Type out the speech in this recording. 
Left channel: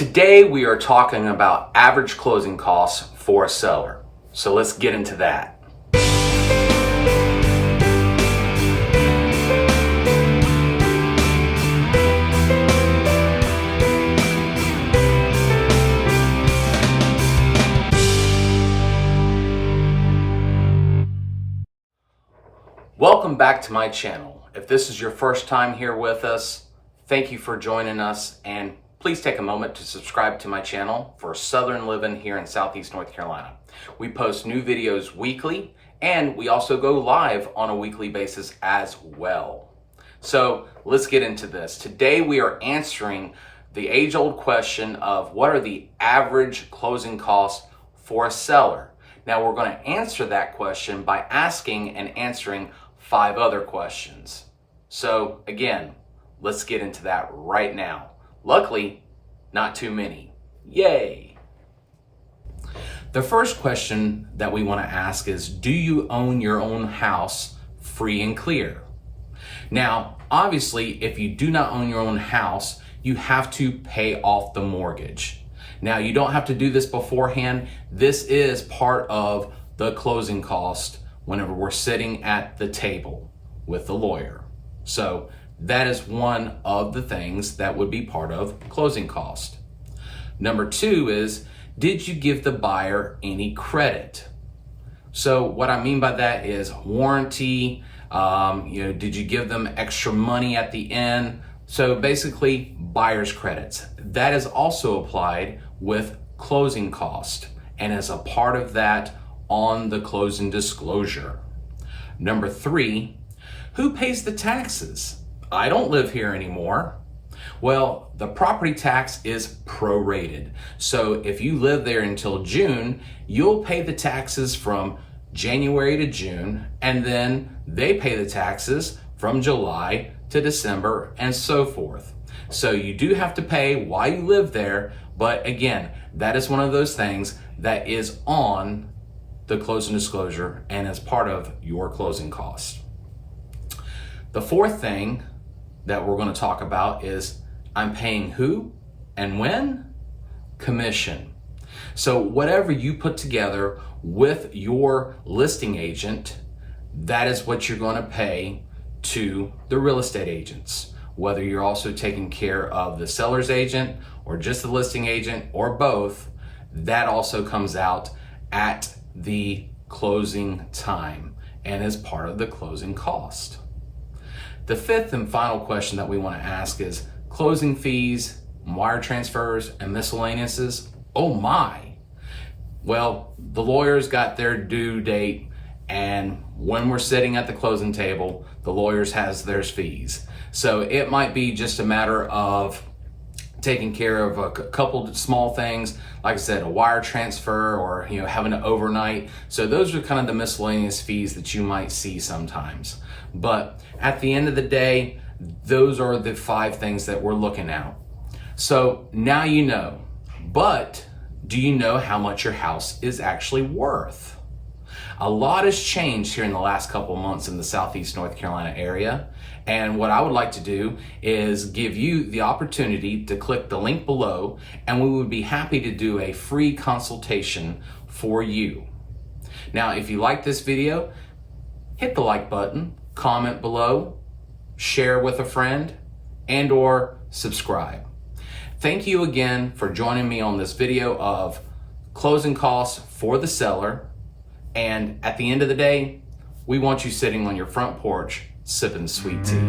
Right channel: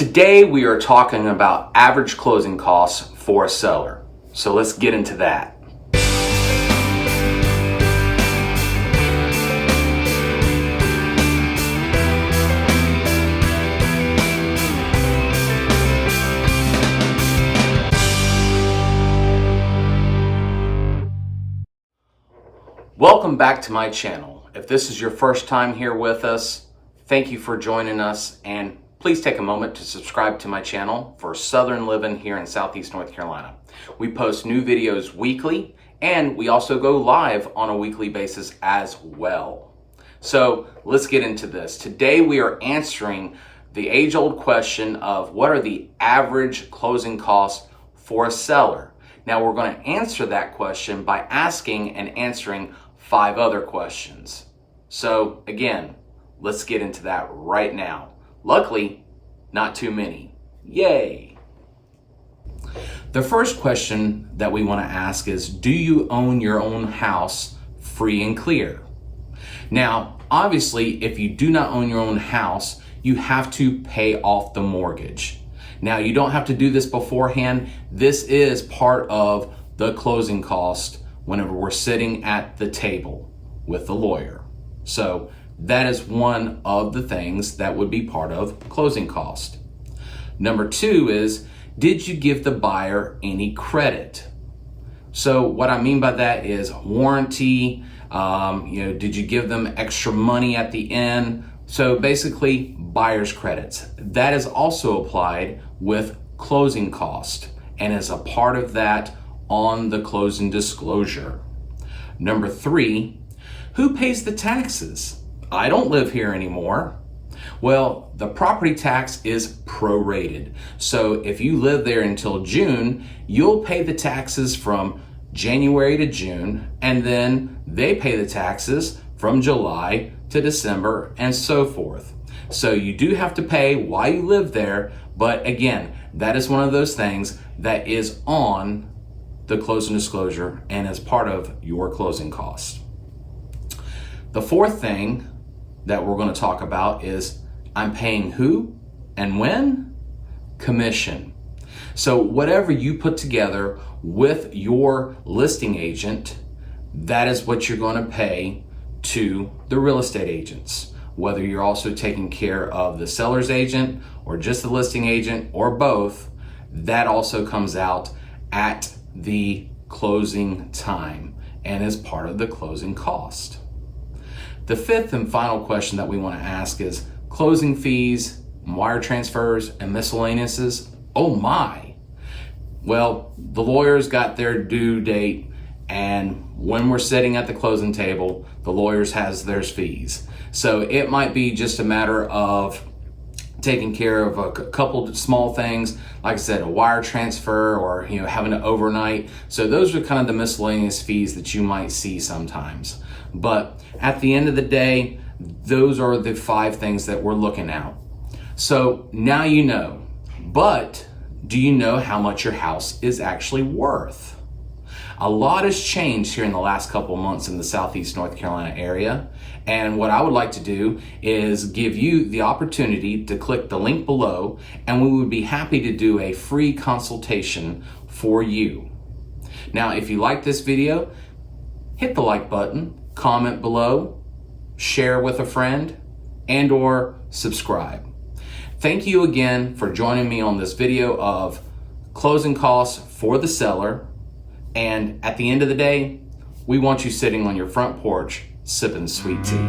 Today we are talking about average closing costs for a seller. So let's get into that. Welcome back to my channel. If this is your first time here with us, thank you for joining us, and please take a moment to subscribe to my channel for Southern Living here in Southeast North Carolina. We post new videos weekly, and we also go live on a weekly basis as well. So let's get into this. Today we are answering the age-old question of what are the average closing costs for a seller. Now we're going to answer that question by asking and answering 5 other questions. So again, let's get into that right now. Luckily, not too many. Yay! The first question that we want to ask is, do you own your own house free and clear? Now, obviously, if you do not own your own house, you have to pay off the mortgage. Now, you don't have to do this beforehand. This is part of the closing cost whenever we're sitting at the table with the lawyer. So that is one of the things that would be part of closing cost. Number 2 is, did you give the buyer any credit? So what I mean by that is warranty, did you give them extra money at the end? So basically buyer's credits. That is also applied with closing cost and as a part of that on the closing disclosure. Number 3, who pays the taxes? I don't live here anymore. Well, the property tax is prorated. So if you live there until June, you'll pay the taxes from January to June, and then they pay the taxes from July to December and so forth. So you do have to pay while you live there, but again, that is one of those things that is on the closing disclosure and as part of your closing costs. The 4th thing that we're going to talk about is, I'm paying who and when? Commission. So whatever you put together with your listing agent, that is what you're going to pay to the real estate agents. Whether you're also taking care of the seller's agent or just the listing agent or both, that also comes out at the closing time and is part of the closing cost. The 5th and final question that we want to ask is closing fees, wire transfers, and miscellaneouses. Oh my! Well, the lawyers got their due date, and when we're sitting at the closing table, the lawyers has their fees. So it might be just a matter of taking care of a couple of small things, like I said, a wire transfer or having an overnight. So those are kind of the miscellaneous fees that you might see sometimes. But at the end of the day, those are the 5 things that we're looking at. So now you know, but do you know how much your house is actually worth? A lot has changed here in the last couple of months in the Southeast North Carolina area. And what I would like to do is give you the opportunity to click the link below, and we would be happy to do a free consultation for you. Now, if you like this video, hit the like button, comment below, share with a friend, and or subscribe. Thank you again for joining me on this video of closing costs for the seller. And at the end of the day, we want you sitting on your front porch sipping sweet tea.